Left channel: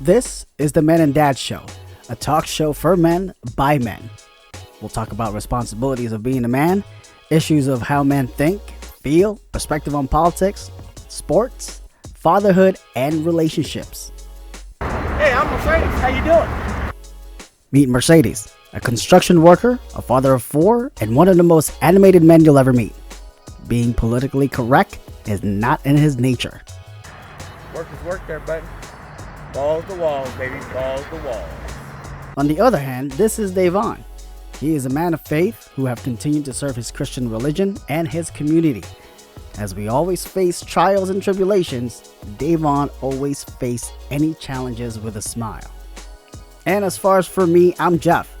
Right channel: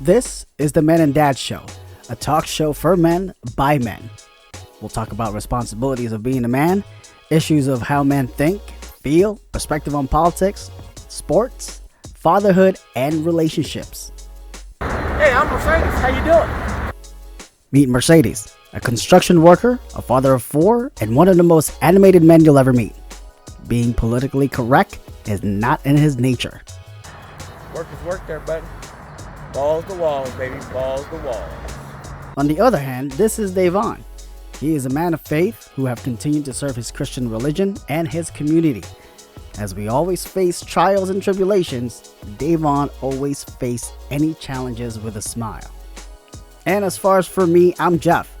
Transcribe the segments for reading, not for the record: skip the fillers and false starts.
This is the Men and Dad Show, a talk show for men by men. We'll talk about responsibilities of being a man, issues of how men think, feel, perspective on politics, sports, fatherhood, and relationships. Hey, I'm Mercedes. How you doing? Meet Mercedes, a construction worker, a father of 4, and one of the most animated men you'll ever meet. Being politically correct is not in his nature. Work is work there, buddy. Balls to walls, baby. Balls to walls. On the other hand, this is Davon. He is a man of faith who have continued to serve his Christian religion and his community. As we always face trials and tribulations, Davon always faced any challenges with a smile. And as far as for me, I'm Jeff.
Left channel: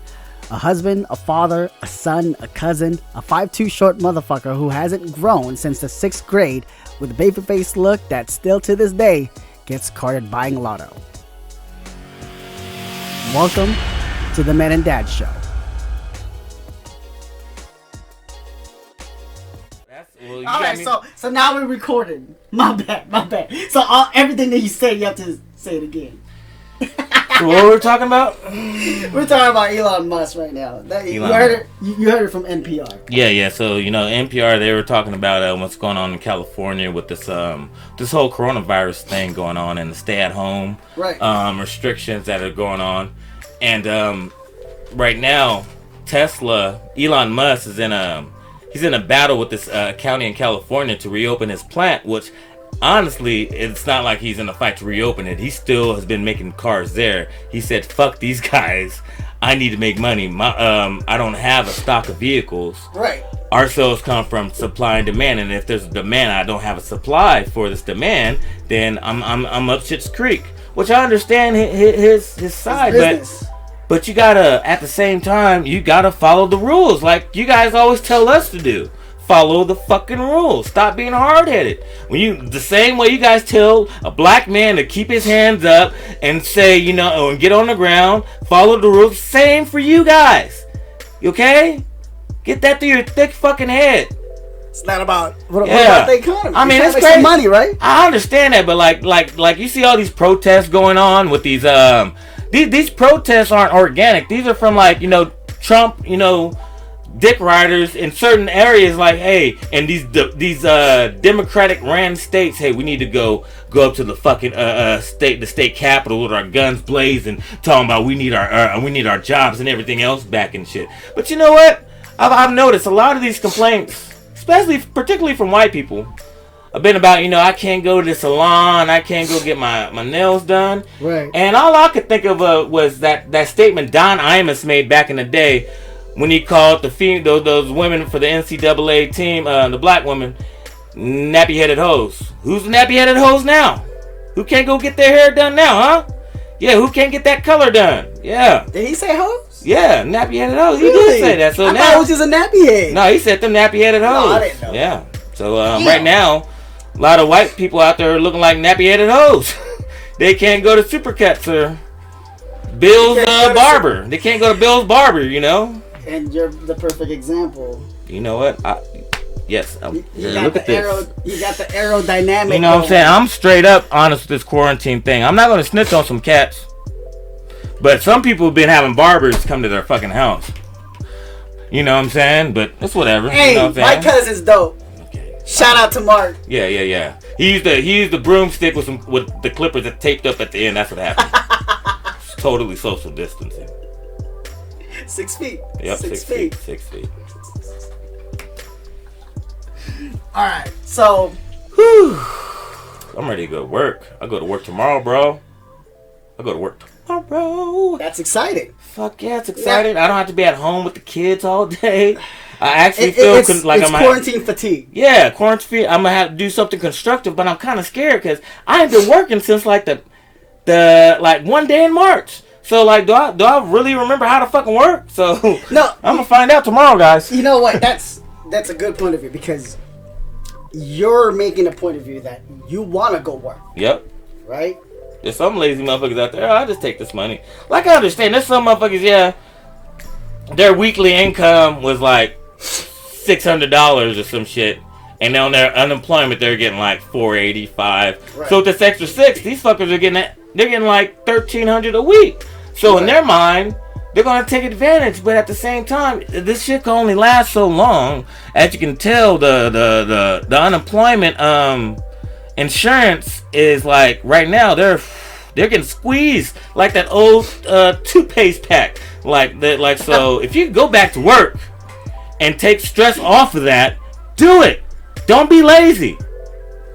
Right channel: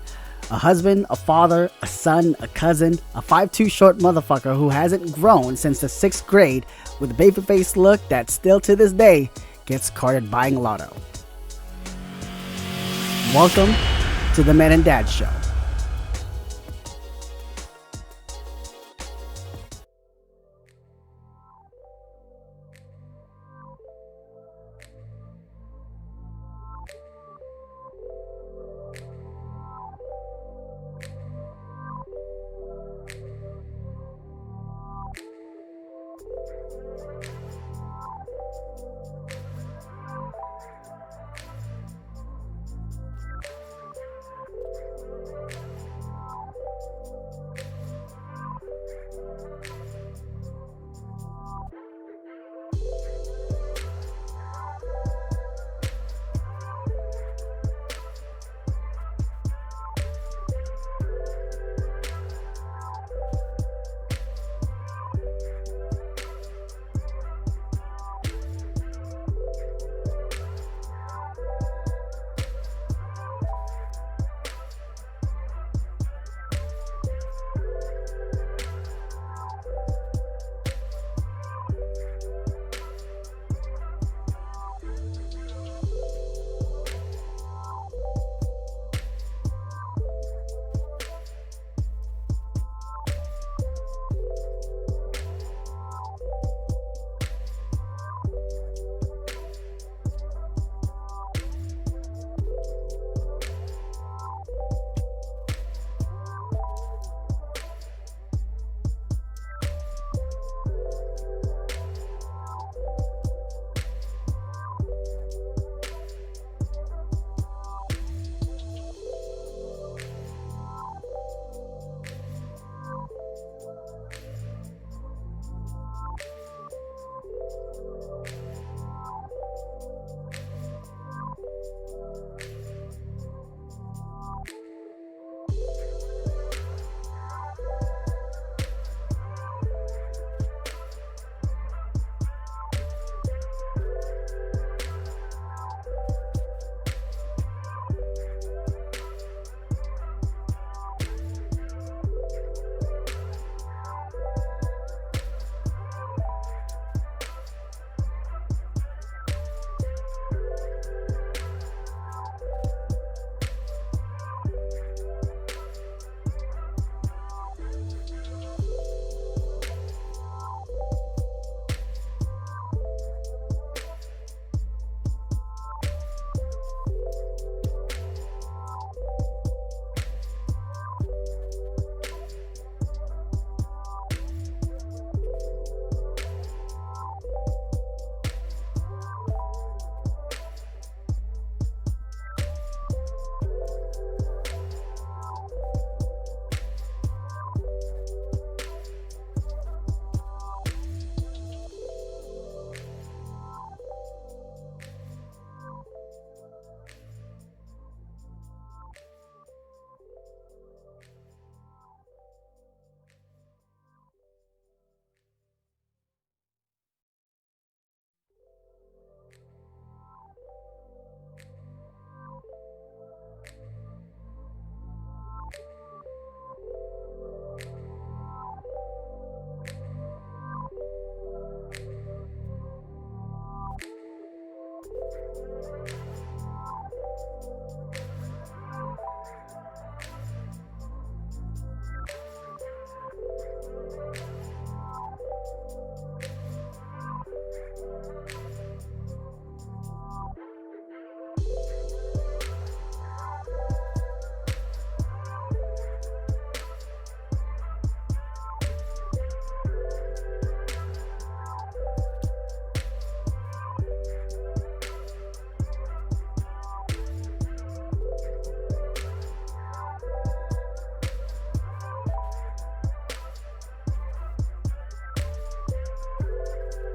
A husband, a father, a son, a cousin, a 5'2" short motherfucker who hasn't grown since the 6th grade with a baby-faced look that still to this day gets carded buying lotto. Welcome to the Men and Dad Show. Alright, so now we're recording. My bad. So everything that you said, you have to say it again. So what were we talking about? We're talking about Elon Musk right now. You heard it from NPR. Yeah. So NPR, they were talking about what's going on in California with this whole coronavirus thing going on and the stay-at-home restrictions that are going on. And right now, Elon Musk is in a battle with this county in California to reopen his plant, which honestly, it's not like he's in a fight to reopen it. He still has been making cars there. He said, fuck these guys. I need to make money. I don't have a stock of vehicles. Right. Our sales come from supply and demand, and if there's a demand, I don't have a supply for this demand, then I'm up shit's creek. Which I understand his side, but you gotta, at the same time, you gotta follow the rules like you guys always tell us to do. Follow the fucking rules. Stop being hard-headed. The same way you guys tell a black man to keep his hands up and say, and get on the ground, follow the rules. Same for you guys. Okay? Get that through your thick fucking head. It's not about what about the economy. I mean, it's crazy. Some money, right? I understand that, but like you see all these protests going on with these protests aren't organic. These are from Trump, dick riders in certain areas, like, hey, and these Democratic ran states, hey, we need to go up to the fucking the state capitol with our guns blazing, talking about we need our jobs and everything else back and shit. But you know what? I've noticed a lot of these complaints, particularly from white people, have been about, I can't go to the salon, I can't go get my nails done. Right. And all I could think of was that statement Don Imus made back in the day, when he called those women for the NCAA team, the black women, nappy-headed hoes. Who's the nappy-headed hoes now? Who can't go get their hair done now, huh? Yeah, who can't get that color done? Yeah. Did he say hoes? Yeah, nappy-headed hoes. He Really? did say that. So I now thought it was just a nappy head. No, he said them nappy-headed hoes. No, I didn't know. Yeah. So right now, a lot of white people out there are looking like nappy-headed hoes. They can't go to Supercuts or Bill's barber. They can't go to Bill's barber, And you're the perfect example. You know what? Yes. Look at this. You got the aerodynamic. You know what I'm saying? I'm straight up honest with this quarantine thing. I'm not going to snitch on some cats. But some people have been having barbers come to their fucking house. You know what I'm saying? But it's whatever. Hey, you know what I'm my cousin's dope. Okay. Shout out to Mark. Yeah. He used the broomstick with the clippers that taped up at the end. That's what happened. It's totally social distancing. 6 feet. Yep, 6 feet. 6 feet. Alright, so I'm ready to go to work. I go to work tomorrow, bro. That's exciting. Fuck yeah, it's exciting. Yeah. I don't have to be at home with the kids all day. I actually feel like I'm quarantine fatigue. Yeah, quarantine fatigue. I'm gonna have to do something constructive, but I'm kind of scared because I ain't been working since the one day in March. So do I really remember how to fucking work? So no, I'm gonna find out tomorrow, guys. You know what? That's a good point of view because you're making a point of view that you want to go work. Yep. Right? There's some lazy motherfuckers out there. I'll just take this money. Like, I understand. There's some motherfuckers, their weekly income was like $600 or some shit. And on their unemployment, they're getting like $485. Right. So with this extra $6, these fuckers are getting they're getting like $1,300 a week. So in their mind, they're gonna take advantage. But at the same time, this shit can only last so long. As you can tell, the unemployment insurance is like right now they're getting squeezed like that old toothpaste pack. So if you go back to work and take stress off of that, do it. Don't be lazy.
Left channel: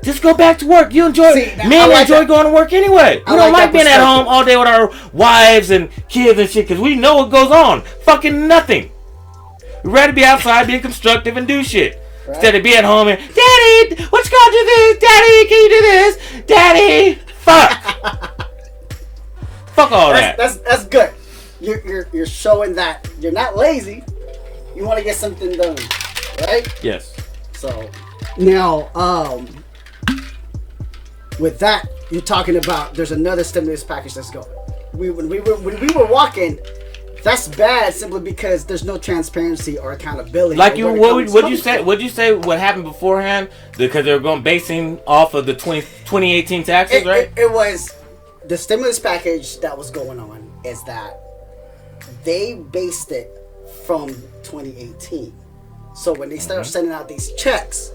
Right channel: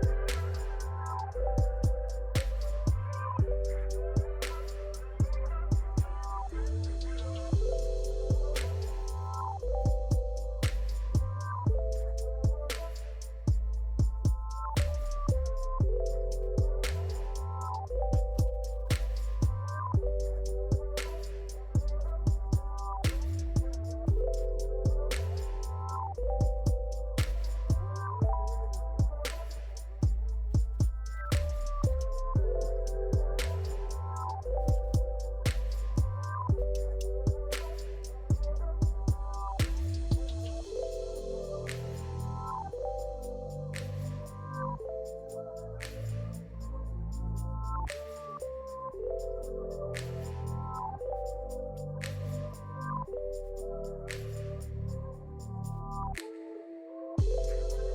Just go back to work. You enjoy. Men enjoy going to work anyway. We don't like being at home all day with our wives and kids and shit because we know what goes on. Fucking nothing. We'd rather be outside being constructive and do shit. Right. Instead of be at home and, Daddy, what you gonna do this? Daddy, can you do this? Daddy, fuck. Fuck all that. That's good. You're showing that you're not lazy. You want to get something done, right? Yes. So now, with that, you're talking about there's another stimulus package that's going. When we were walking, that's bad simply because there's no transparency or accountability. Like what you say? What'd you say? What happened beforehand? Because they were going basing off of the 2018 taxes, right? It was the stimulus package that was going on. Is that they based it from 2018. So when they started sending out these checks,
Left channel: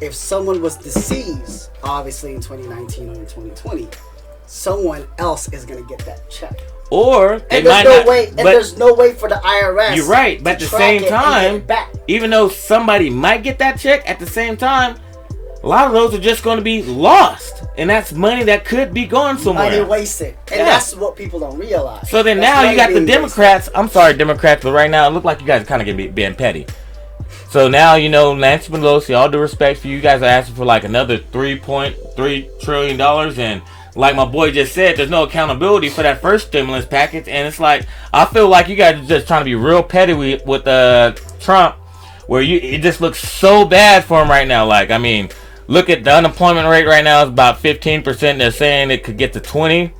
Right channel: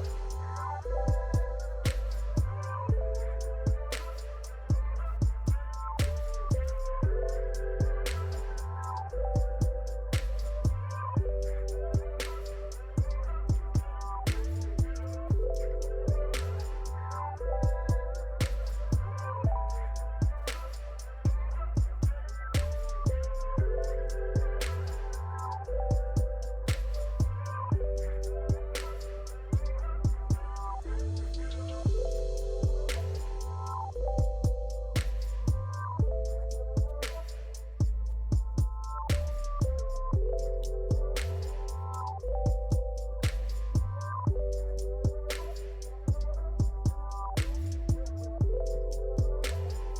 if someone was deceased, obviously in 2019 or in 2020, someone else is going to get that check. Or and there's no way for the IRS. You're right, but at the same time, even though somebody might get that check, at the same time, a lot of those are just going to be lost, and that's money that could be going somewhere. Money wasted, and that's what people don't realize. So then now you got the Democrats. I'm sorry, Democrats, but right now it look like you guys are kind of being petty. So now, Nancy Pelosi, all due respect for you guys, are asking for like another $3.3 trillion, and like my boy just said, there's no accountability for that first stimulus package, and it's like I feel like you guys are just trying to be real petty with Trump, where it just looks so bad for him right now. Like, I mean, look at the unemployment rate right now is about 15%. They're saying it could get to 20.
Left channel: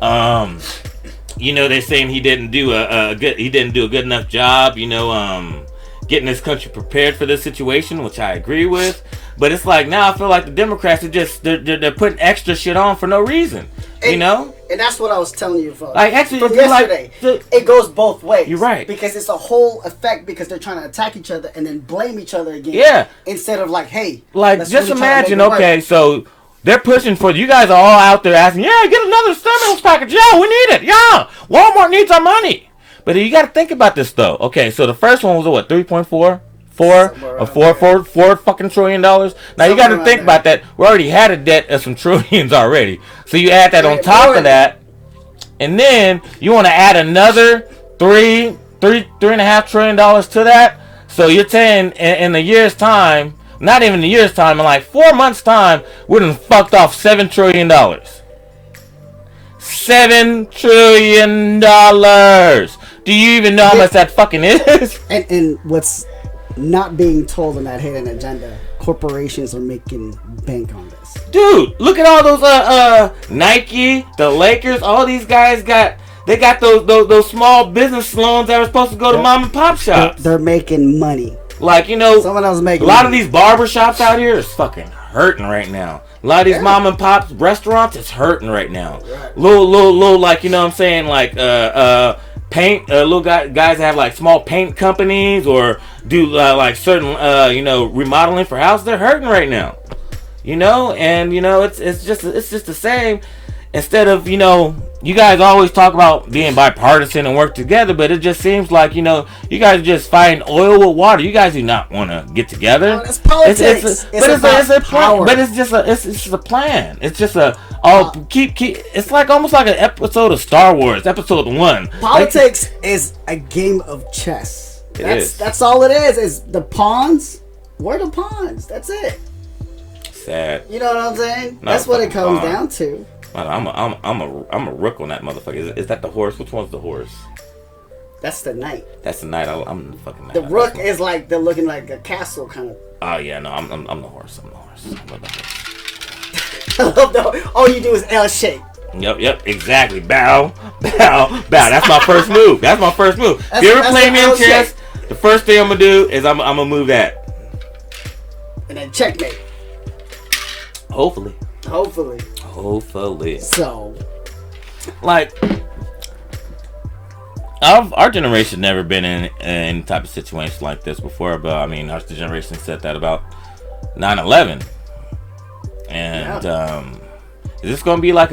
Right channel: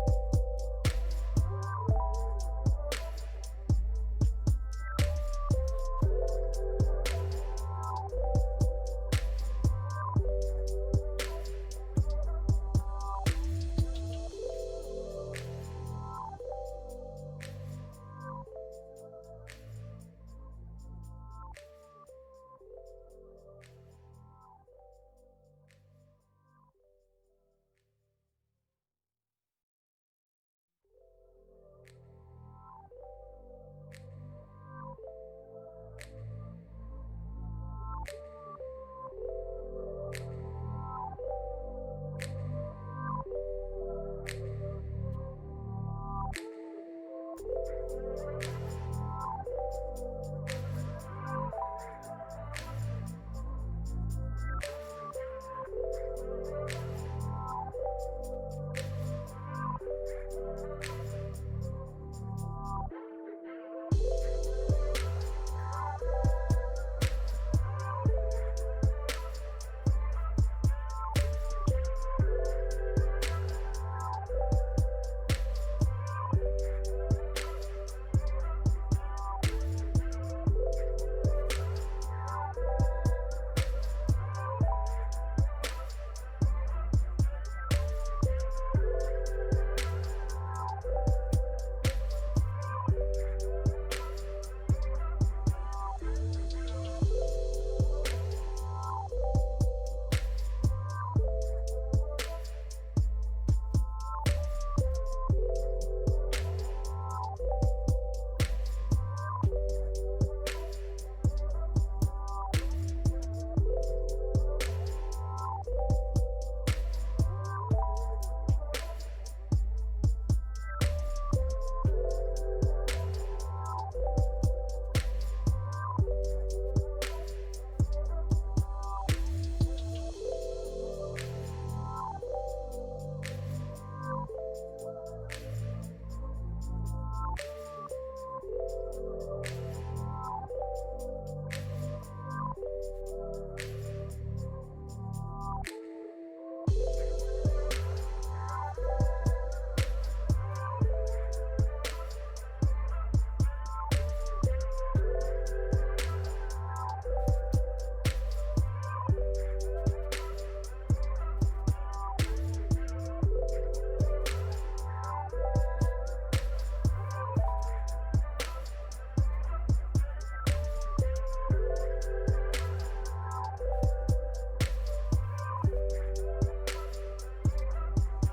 They're saying he didn't do a good enough job. Getting this country prepared for this situation, which I agree with. But it's like now I feel like the Democrats are just they're putting extra shit on for no reason. And that's what I was telling you from yesterday. It goes both ways. You're right. Because it's a whole effect because they're trying to attack each other and then blame each other again. Yeah. Instead of like, hey. Like just imagine, okay, so they're pushing for you guys are all out there asking, yeah, get another stimulus package. Yeah, we need it. Yeah. Walmart needs our money. But you got to think about this though. Okay, so the first one was what, 3.4? Four fucking trillion dollars. Now you got to think about that. We already had a debt of some trillions already. So you add that on top of that, and then you want to add another $3.5 trillion to that. So you're saying in a year's time, not even a year's time, in like 4 months' time, we're done fucked off $7 trillion. $7 trillion. Do you even know how much that fucking is? And what's not being told on that hidden agenda, corporations are making bank on this. Dude, look at all those Nike, the Lakers, all these guys got those small business loans that were supposed to go to mom and pop shops. They're making money. Like, someone else making a lot of these barber shops out here is fucking hurting right now. A lot of these mom and pop restaurants is hurting right now. Right. Little like, you know what I'm saying, like paint, little guys have like small paint companies or do like certain remodeling for houses. They're hurting right now, and it's just the same. Instead of you guys always talk about being bipartisan and work together, but it just seems like you guys are just fighting oil with water. You guys do not want to get together. No, it's politics. It's a plan. But it's just a plan. It's just keep. It's like almost like an episode of Star Wars, episode 1. Politics is a game of chess. That's all it is. Is the pawns? Where the pawns? That's it. Sad. You know what I'm saying? That's what it comes down to. I'm a rook on that motherfucker. Is that the horse? Which one's the horse? That's the knight. That's the knight. I'm the fucking knight. The rook is like they're looking like a castle kind of. Oh yeah, no, I'm the horse. I'm the horse. I love the. All you do is L shape. Yep, exactly. Bow. That's my first move. If you ever play me in chess, the first thing I'm gonna do is I'm gonna move that. And then checkmate. Hopefully. So, like, our generation never been in any type of situation like this before. But I mean, our generation said that about 9/11, and is this gonna be like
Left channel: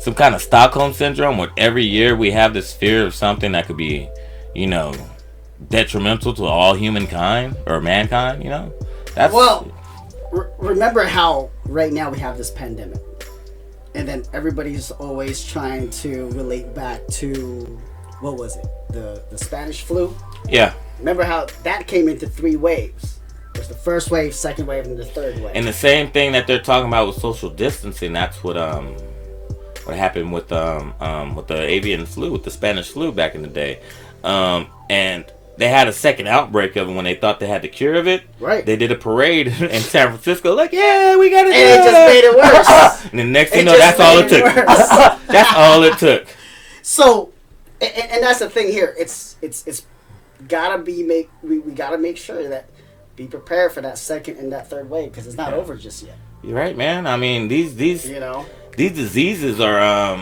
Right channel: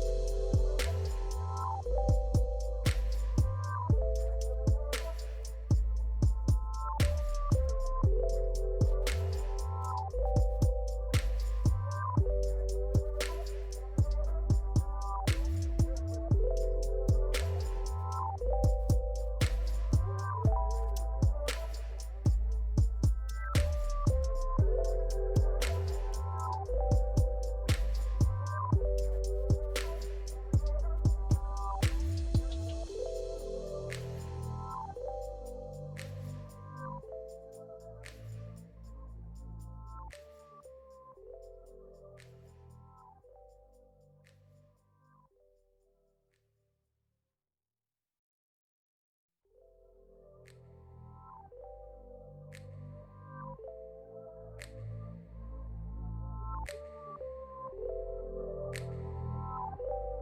some kind of Stockholm syndrome where every year we have this fear of something that could be, you know, detrimental to all humankind or mankind? You know, that's remember how right now we have this pandemic, and then everybody's always trying to relate back to, what was it, the Spanish flu? Yeah. Remember how that came into 3 waves? There's the first wave, second wave, and the third wave. And the same thing that they're talking about with social distancing, that's what happened with the avian flu, with the Spanish flu back in the day. And they had a second outbreak of it when they thought they had the cure of it. Right. They did a parade in San Francisco, like, yeah, we got it. And it just made it worse. And the next thing you know, that's all it took. That's all it took. So, and that's the thing here. It's gotta be we gotta make sure that be prepared for that second and that third wave, because it's not over just yet. You're right, man. I mean, these these diseases are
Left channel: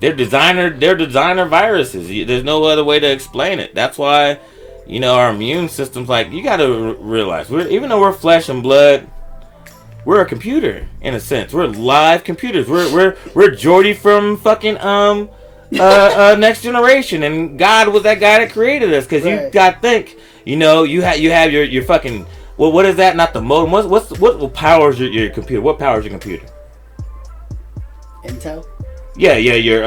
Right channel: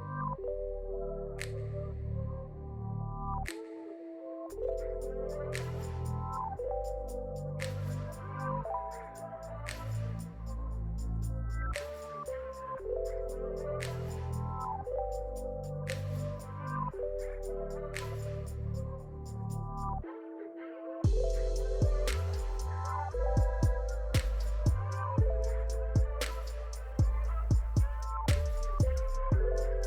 they're designer viruses. There's no other way to explain it. That's why, you know, our immune system's like, you got to realize, even though we're flesh and blood, we're a computer in a sense. We're live computers. We're Geordie from fucking Next Generation, and God was that guy that created us. Because you got to think, you know, you have your fucking, well, what is that? Not the modem. What powers your computer? What powers your computer? Intel. Yeah, your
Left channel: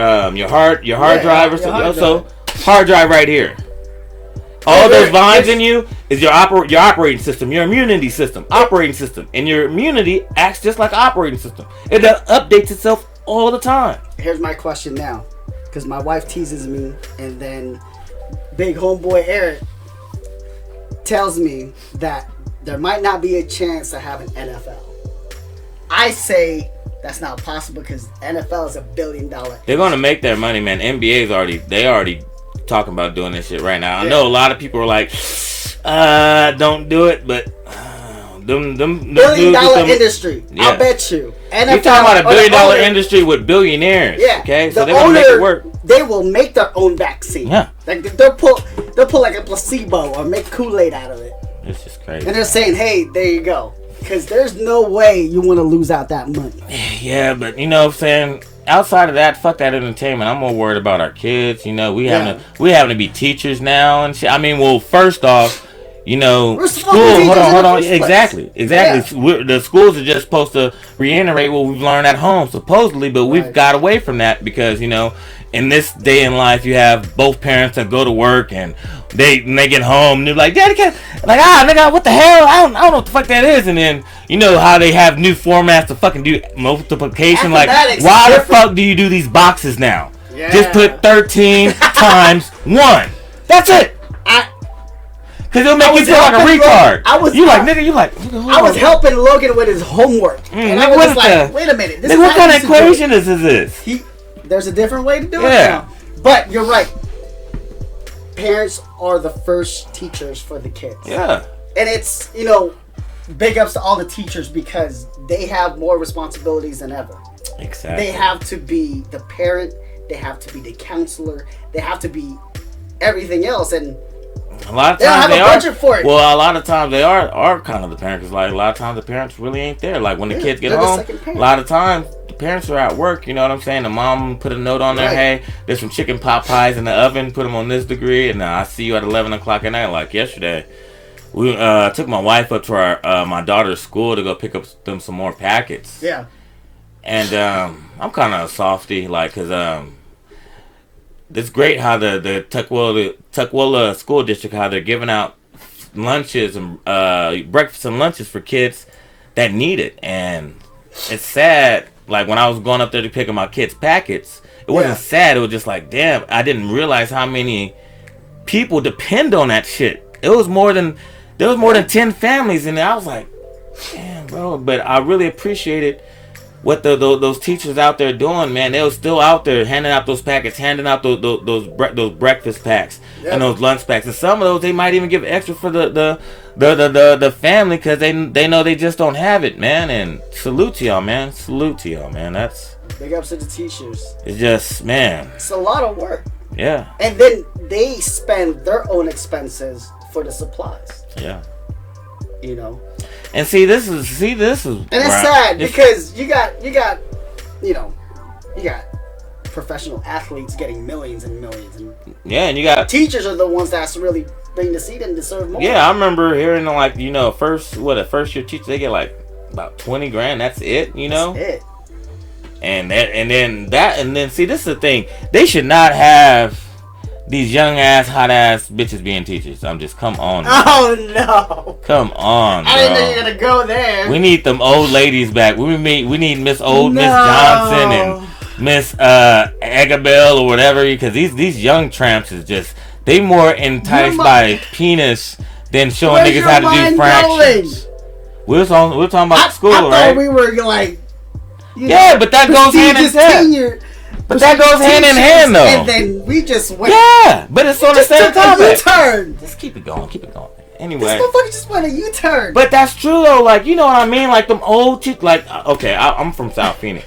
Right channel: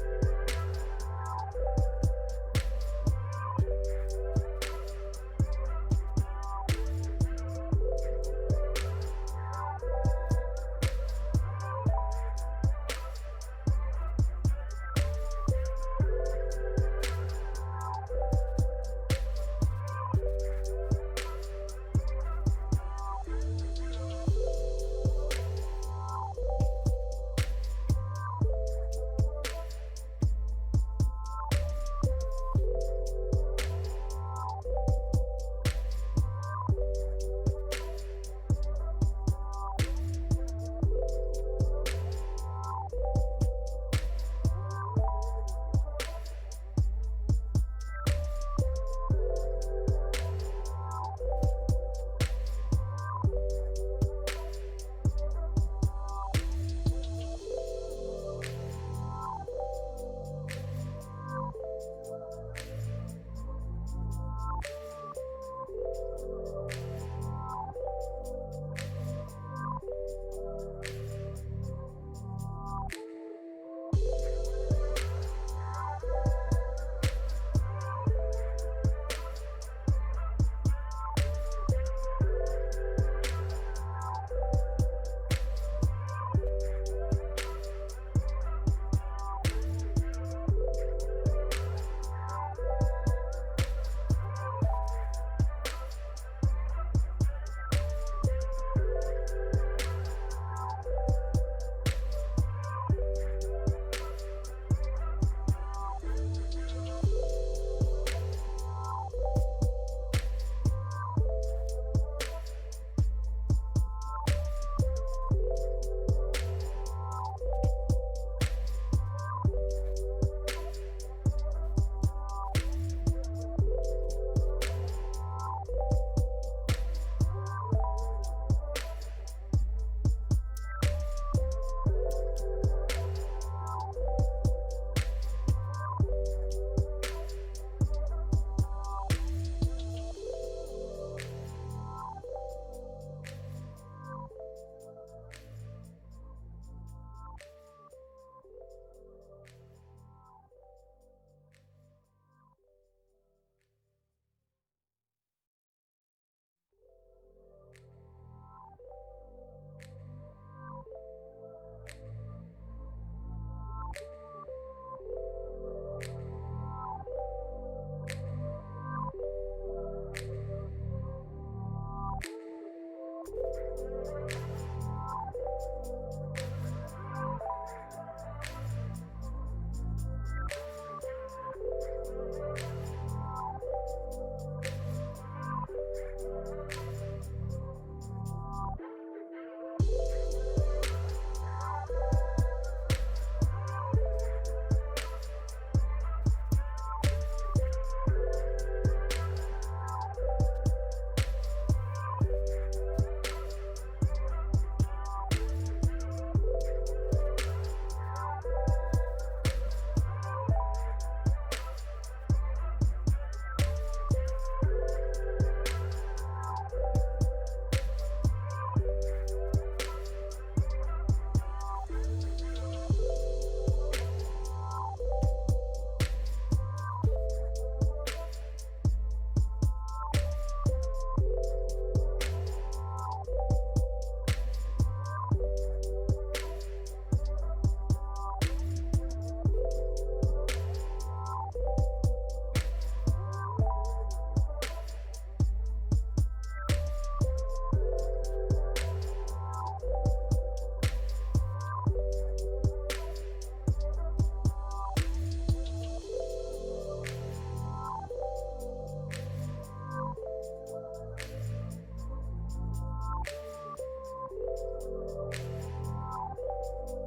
hard drive or something. So hard drive right here. All those vines in you is your operating system, your immunity system, operating system, and your immunity acts just like an operating system. It updates itself all the time. Here's my question now, because my wife teases me, and then big homeboy Eric tells me that there might not be a chance to have an NFL. I say that's not possible because NFL is $1 billion. They're gonna make their money, man. NBA's already talking about doing this shit right now. I know a lot of people are like, don't do it, but them $1 billion industry. Yeah. I'll bet you. NFL, you're talking about a $1 billion industry with billionaires. Yeah. Okay, so they're gonna make it work. They will make their own vaccine. Yeah. Like they'll pull like a placebo or make Kool-Aid out of it. It's just crazy. And they're saying, hey, there you go. Because there's no way you want to lose out that money. Yeah, but you know what I'm saying? Outside of that, fuck that entertainment. I'm more worried about our kids. You know, we having to be teachers now and shit. I mean, well, first off, you know, we're school. Hold on. Exactly. Yeah. The schools are just supposed to reiterate what we've learned at home, supposedly, but we've got away from that because, you know, in this day in life, you have both parents that go to work and they get home and they're like, Daddy, nigga, what the hell? I don't know what the fuck that is. And then, you know how they have new formats to fucking do multiplication. Like, why the fuck do you do these boxes now? Yeah. Just put 13 times 1. That's it. Because it'll make you feel like a retard. I was helping Logan with his homework. And I was like, wait a minute. What kind of equation is this? There's a different way to do it now. But you're right. Parents are the first teachers for the kids. Yeah. And it's, you know, big ups to all the teachers because they have more responsibilities than ever. Exactly. They have to be the parent. They have to be the counselor. They have to be everything else. And a lot of times they don't have a budget for it. Well, a lot of times they are kind of the parents. Cause like a lot of times the parents really ain't there. Like when the kids get home, a lot of times the parents are at work. You know what I'm saying? The mom put a note on there. Hey, there's some chicken pot pies in the oven. Put them on this degree, and I see you at 11 o'clock at night. Like yesterday, we took my wife up to our my daughter's school to go pick up some more packets. Yeah. And I'm kind of a softie, like, cause it's great how the Tukwila school district, how they're giving out lunches and breakfast and lunches for kids that need it. And it's sad, like when I was going up there to pick up my kids' packets, it wasn't sad, it was just like, damn, I didn't realize how many people depend on that shit. There was more than 10 families in there. I was like, damn, bro. But I really appreciated what those teachers out there doing, man. They were still out there handing out those packets, handing out those breakfast packs and those lunch packs. And some of those they might even give extra for the family because they know they just don't have it, man. And salute to y'all, man. Salute to y'all, man. Big ups to the teachers. It's just, man. It's a lot of work. Yeah. And then they spend their own expenses for the supplies. Yeah. You know. And this is. And it's sad because you got professional athletes getting millions and millions. And yeah, and you got teachers are the ones that's really bring the seat and deserve more. Yeah, I remember hearing like a first year teacher, they get like about $20,000. That's it. That's it. And then see, this is the thing. They should not have these young ass, hot ass bitches being teachers. I'm just, come on. Bro. Oh no. Come on, bro. I didn't know you were gonna go there. We need them old ladies back. We need Miss Johnson and Miss Agabel or whatever, because these young tramps is just, they more enticed by penis than showing niggas how to do fractions. We're talking about school, right? I thought we were like, but that goes hand in hand. But that goes hand in hand, though. And then we just went. Yeah, but it's on the same topic. U-turn. Let's keep it going. Anyway. This motherfucker just went a U-turn. But that's true, though. Like, you know what I mean? Like, them old chicks. Like, okay, I'm from South Phoenix.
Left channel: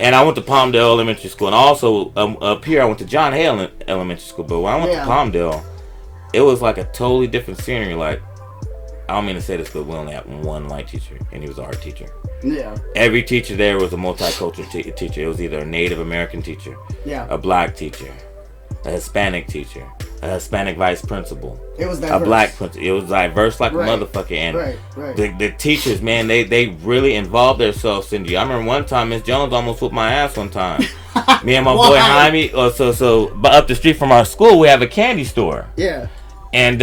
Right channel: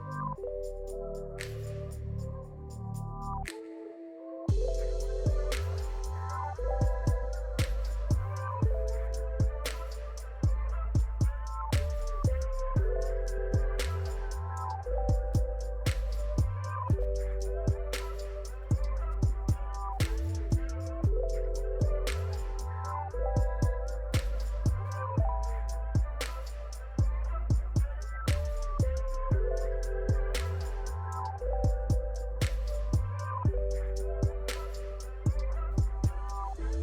And I went to Palmdale Elementary School. And also, up here, I went to John Hale Elementary School. But when I went to Palmdale, it was like a totally different scenery. Like, I don't mean to say this, but we only had one white teacher. And he was our teacher. Yeah. Every teacher there was a multicultural teacher. It was either a Native American teacher, a black teacher, a Hispanic teacher, a Hispanic vice principal. It was diverse. A black principal. It was diverse like a motherfucker. And the teachers, man, they really involved themselves in you. I remember one time Miss Jones almost whooped my ass one time. Me and my boy Jaime. But up the street from our school, we have a candy store. Yeah. And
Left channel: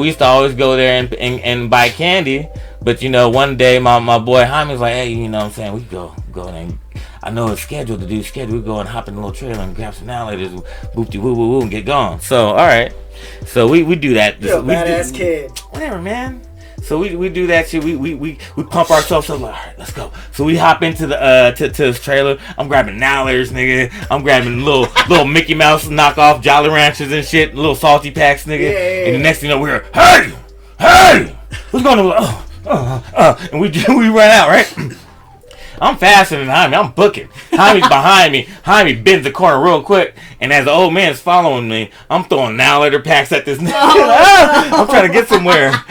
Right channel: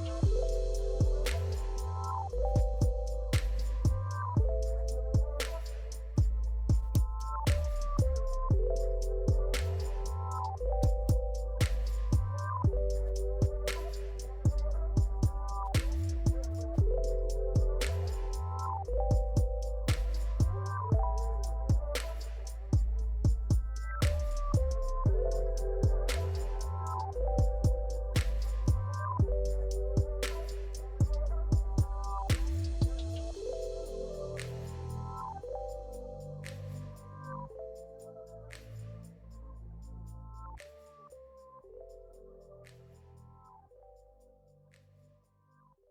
we used to always go there and buy candy. But one day my boy Jaime was like, hey, you know what I'm saying, we go and I know it's scheduled to do we go and hop in a little trailer and grab some alligators, boop woo woo woo, and get gone. So alright. So we do that. You're a badass kid. Whatever, man. So we do that shit. We pump ourselves up like, alright, let's go. So we hop into the to this trailer. I'm grabbing Nowlers, nigga. I'm grabbing little Mickey Mouse knockoff Jolly Ranchers and shit, little salty packs, nigga. Yeah. And the next thing you know, we're hey, what's going on? And we run out, right? I'm faster than Jaime. I'm booking. Jaime's behind me. Jaime bends the corner real quick, and as the old man's following me, I'm throwing now letter packs at this nigga. I'm trying to get somewhere.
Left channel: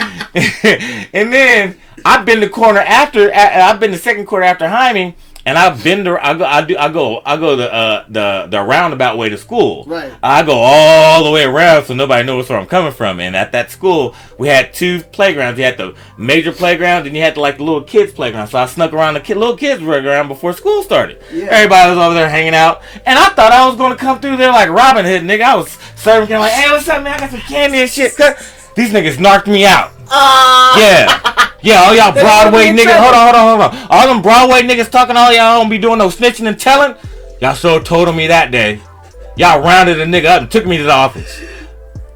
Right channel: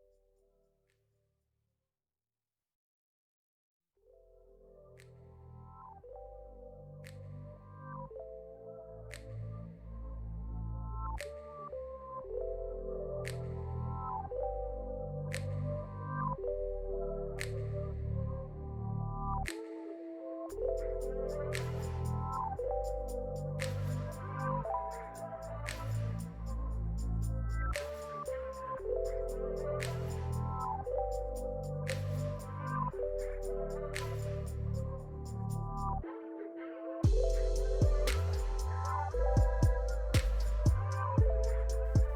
And then I bend the corner after. I've been the second quarter after Jaime. And I go the roundabout way to school. Right. I go all the way around so nobody knows where I'm coming from. And at that school, we had two playgrounds. You had the major playground, and you had the little kids playground. So I snuck around the little kids playground before school started. Yeah. Everybody was over there hanging out, and I thought I was going to come through there like Robin Hood, nigga. I was serving candy like, hey, what's up, man? I got some candy and shit. These niggas knocked me out. Yeah, all y'all Broadway niggas. Hold on. All them Broadway niggas talking, all y'all don't be doing no snitching and telling. Y'all so told on me that day. Y'all rounded a nigga up and took me to the office.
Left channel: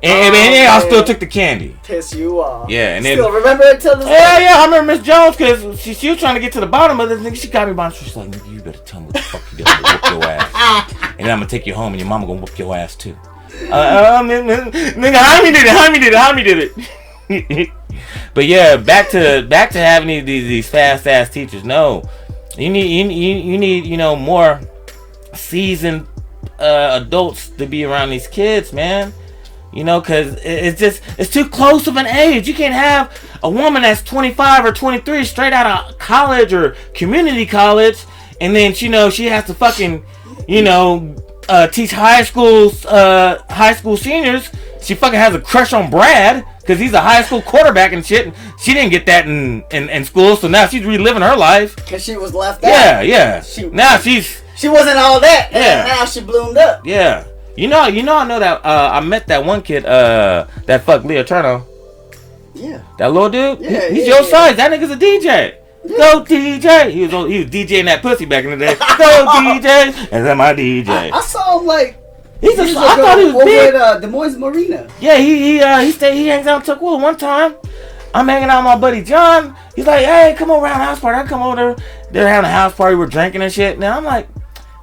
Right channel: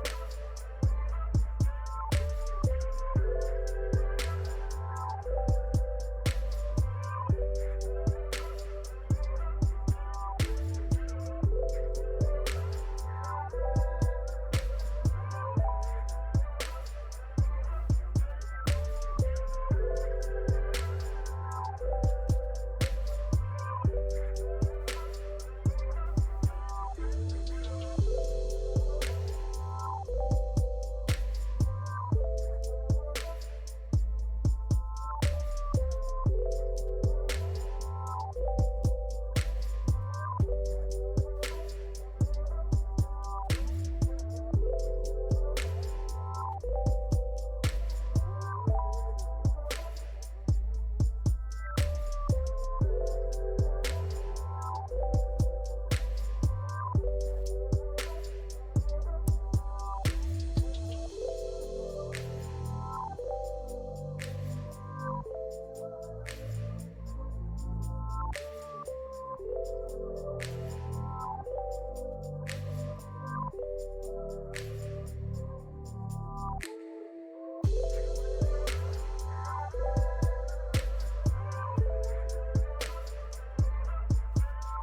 And y'all still took the candy. Piss you off. Yeah, and still remember it till this day? Yeah, I remember Miss Jones because she was trying to get to the bottom of this nigga. She got me by the street. She's like, nigga, you better tell me what the fuck you did to whoop your ass. And then I'm gonna take you home and your mama gonna whoop your ass too. Nigga, Jaime did it. But yeah, back to having these fast ass teachers. No, you need more seasoned adults to be around these kids, man. Cause it's too close of an age. You can't have a woman that's 25 or 23 straight out of college or community college, and then she has to fucking teach high school seniors. She fucking has a crush on Brad because he's a high school quarterback and shit. She didn't get that in school, so now she's reliving her life. Because she was left out. Yeah. She wasn't all that. And now she bloomed up. Yeah. I know that I met that one kid that fucked Leah Turner. Yeah. That little dude? Yeah, he's your size. That nigga's a DJ. Yeah. Go DJ. He was DJing that pussy back in the day. Go DJ. And then my DJ. I saw him like I thought he was over big. at Des Moines Marina. Yeah, he hangs out in Tukwila. One time, I'm hanging out with my buddy John. He's like, hey, come over around the house party. I come over there. They're having a house party. We're drinking and shit. Now I'm like,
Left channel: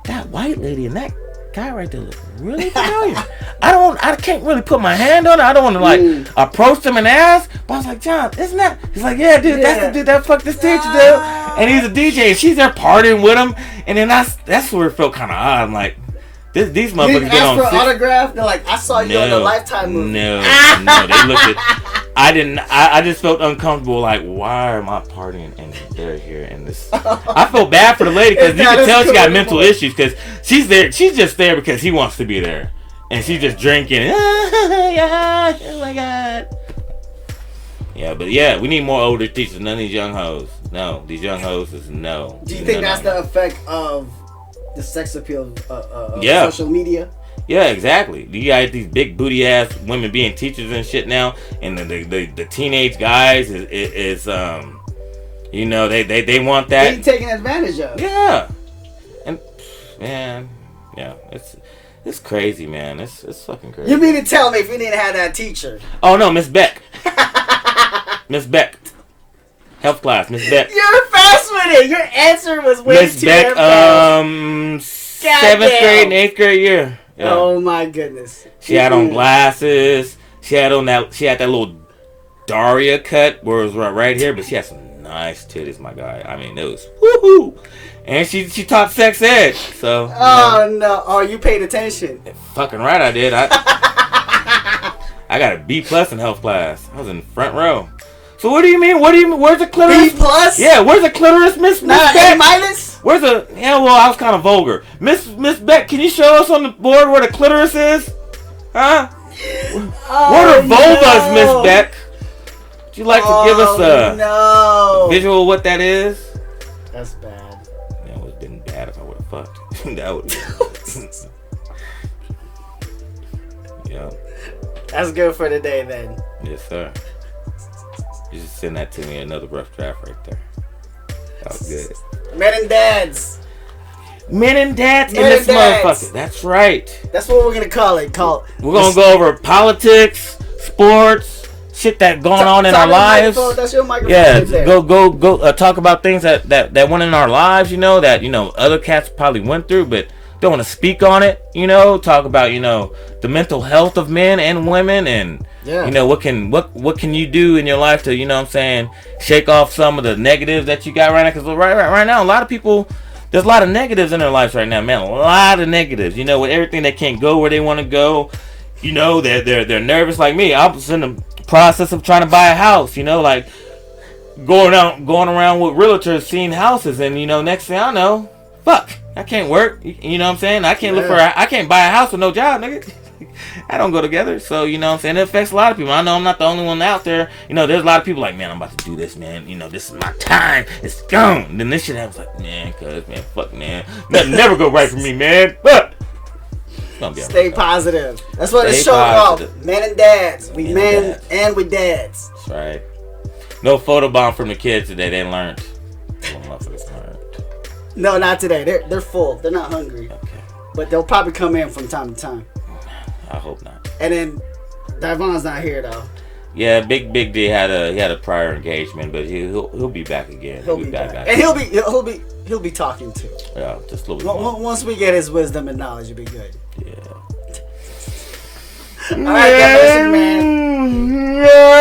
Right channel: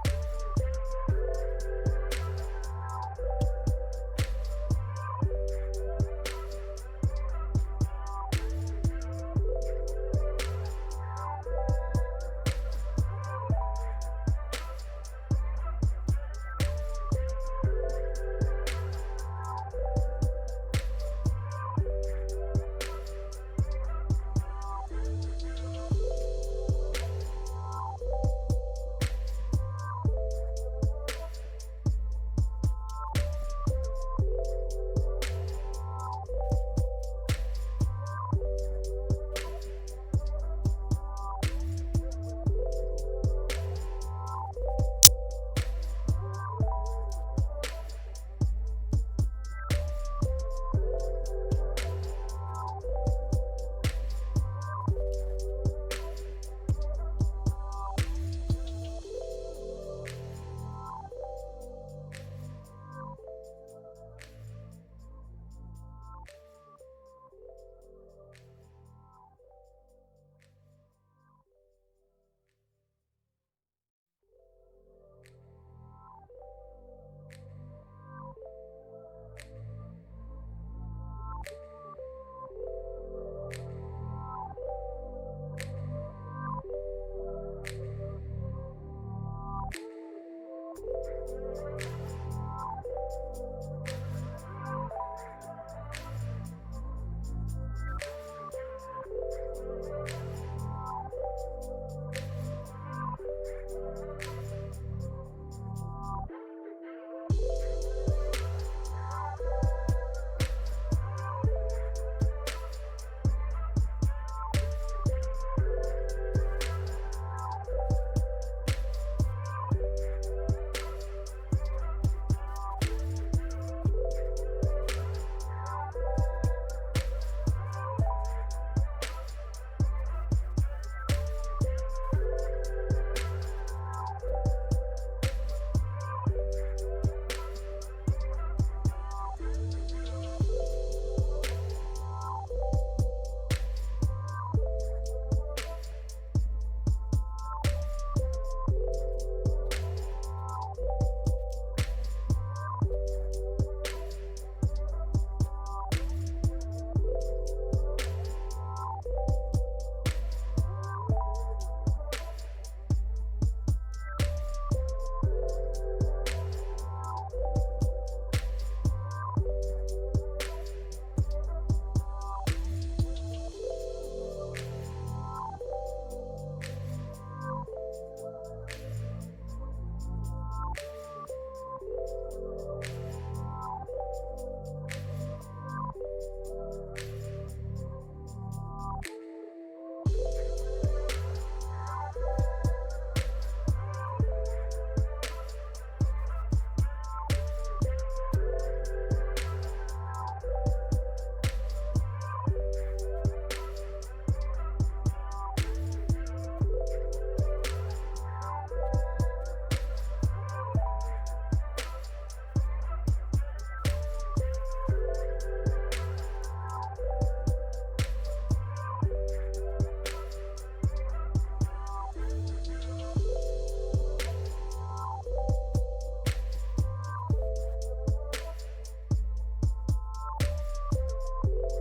that white lady and that guy right there look really familiar. I can't really put my hand on it. I don't want to approach him and ask. But I was like, John, isn't that? He's like, yeah, dude, that's the dude that fucked this teacher, dude. and he's a DJ, and she's there partying with him, and then that's where it felt kind of odd. I'm like, these motherfuckers You didn't get on ask for an autograph? They're like, I saw you on the Lifetime movie. No, they looked at. I didn't. I just felt uncomfortable. Like, why am I partying and they're here? And this, I felt bad for the lady because you can tell she got mental issues because she's there. She's just there because he wants to be there, and she's just drinking. Oh my god. Yeah, but yeah, we need more older teachers. None of these young hoes. No, these young hoes is no. Do you think that's the effect of the sex appeal of social media? Yeah, exactly. You got these big booty ass women being teachers and shit now, and the teenage guys is you know, they want that. Being taken advantage of. Yeah, and man, yeah, it's crazy, man. It's fucking crazy. You mean to tell me if you didn't have that teacher? Oh no, Miss Beck. Miss Beck. Health class, Miss Beck. You're fast with it. Your answer was way Miss too Beck, fast. 7th grade and 8th grade year. Yeah. Oh my goodness. She had on glasses. She had that little Daria cut where it was right here, but she had some nice titties, my guy. I mean, it was woohoo. And she taught sex ed. So oh no. Oh, you paid attention. Fucking right I did. I got a B+ in health class. I was in the front row. So what do you mean? Where's the clitoris? B+? Yeah, where's the clitoris, Miss Not Beck? A-? Where's the? Yeah, well, I was kind of vulgar. Miss Beck, can you show us on the board where the clitoris is? Huh? Oh, what are vulvas, no. Miss Beck? Would you like to give us a visual of what that is? That's bad. Yeah, it would have been bad if I would have fucked. That would. Yeah. That's good for the day then. Yes, sir. You just send that to me, another rough draft right there. That was good. Men and dads. Men and dads in this motherfucker. That's right. That's what we're gonna call it. We're gonna go over politics, sports, shit that going on in our lives. That's your microphone. Yeah, right there. go talk about things that went in our lives. You know that other cats probably went through, but don't want to speak on it. Talk about the mental health of men and women and. Yeah. What can you do in your life to shake off some of the negatives that you got right now? Because right now a lot of people, there's a lot of negatives in their lives right now, man. A lot of negatives. With everything they can't go where they want to go. They're nervous like me. I was in the process of trying to buy a house. Like going around with realtors seeing houses, and next thing I know, fuck, I can't work. You know what I'm saying? I can't I can't buy a house with no job, nigga. I don't go together, so it affects a lot of people. I know I'm not the only one out there. There's a lot of people like, man, I'm about to do this, man. This is my time. It's gone. And then this shit happens like, man, fuck, man. Nothing never go right for me, man. But stay positive. That's what it's showing off. Men and dads. We men and we dads. That's right. No photobomb from the kids today. They learned. No, not today. They're full. They're not hungry. Okay. But they'll probably come in from time to time. I hope not. And then Davon's not here though. Yeah, Big D had a prior engagement, but he'll be back again. He'll be back. And he'll be talking too. Yeah, just a little bit more. Once we get his wisdom and knowledge, it'll be good. Yeah. All right, listen, man. Yeah.